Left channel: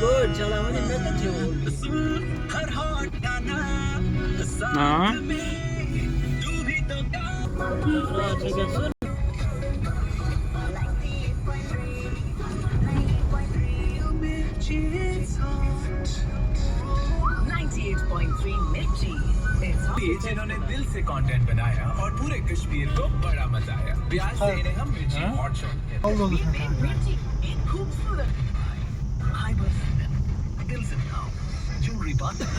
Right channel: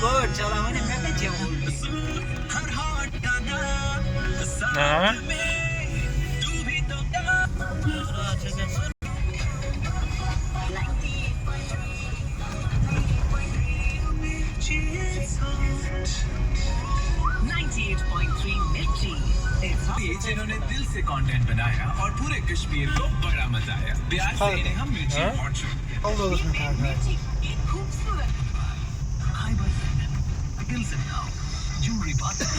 good. Chala mane मैं कैसे बोल रही? हाँ अच्छा 98.3 मिर्ची जिन्होंने दिल से कंटेंट बनाया और पूरे कश्मीर को बड़ा मजा आया प्यार से इन्हें हम मिर्ची हाँ? हॉट शॉट कहते Allah उसमें खा गया हैं खूबसूरत Khyber Hills and now jewelry partner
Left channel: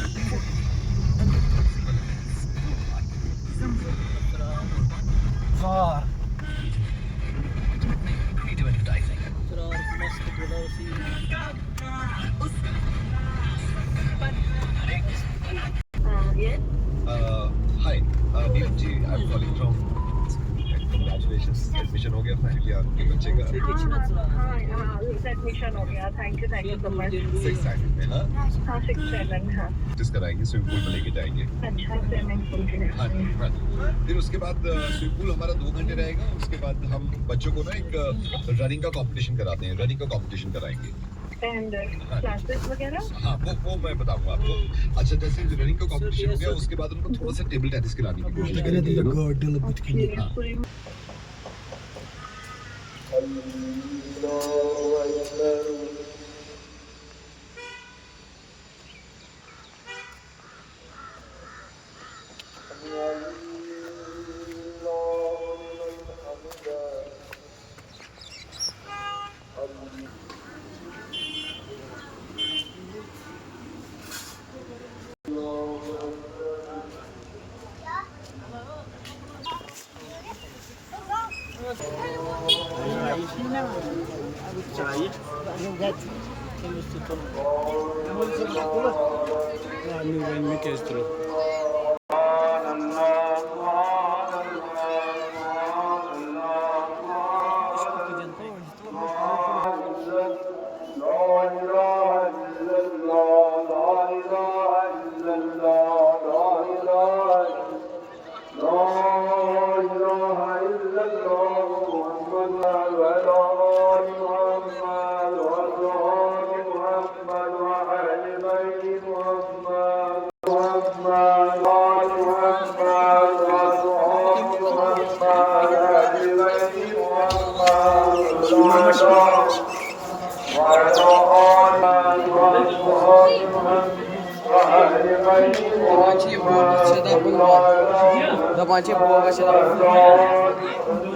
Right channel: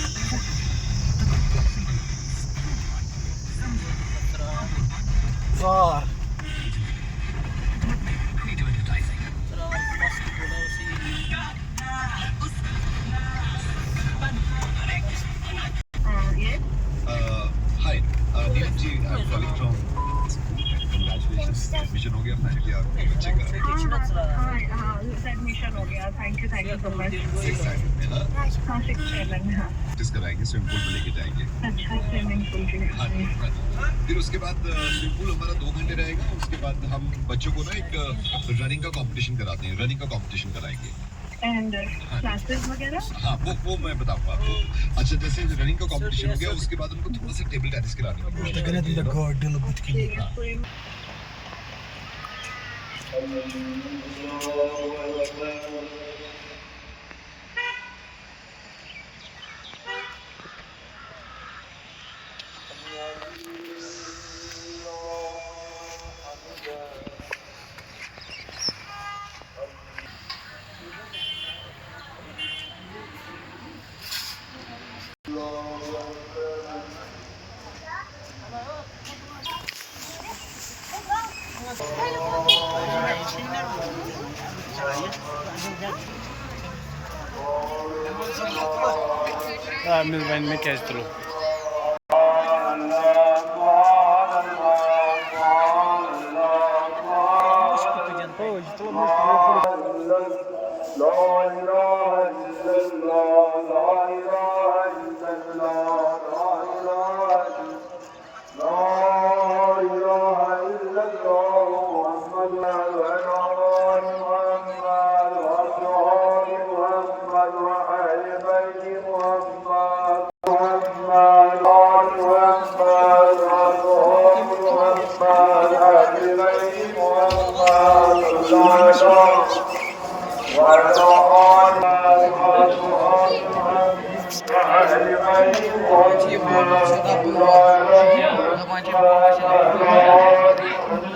tsar creative advertising सरार मस्त बोला उसी Hi, Neil ji, I'm calling from. Congratulations, admission हो गया finally आपके बच्चे का. कितना चला हाँ एडमिशन हो गया थैंक यू सो मच 6 हाँ, हाँ 6-7 हाँ जिस कराएंगे स्विमिंग पूल में लेके जाएंगे. अच्छा पेमेंट हाँ जी, हाँ जी. फिर उसके बाद स्विमिंग पूल हमारा 2 घंटे रहेगा. उसके बाद हम बच्चों को ना एक रनिंग का कंपटीशन कराते हैं. रनिंग का कंपटीशन कराएंगे. एंड क्लासेस वगैरह हाँ वो मैं बताऊंगा आपको. अच्छा जैसे रनिंग का कंपटीशन हो गया उसके बाद उनको थोड़ा सा टेबल टेनिस कराने की कोशिश قلت करेंगे. لك قاعد يلا بتكلم आमिर भाई में कैच तो लो Macam boleh sedap juga. Macam boleh sedap.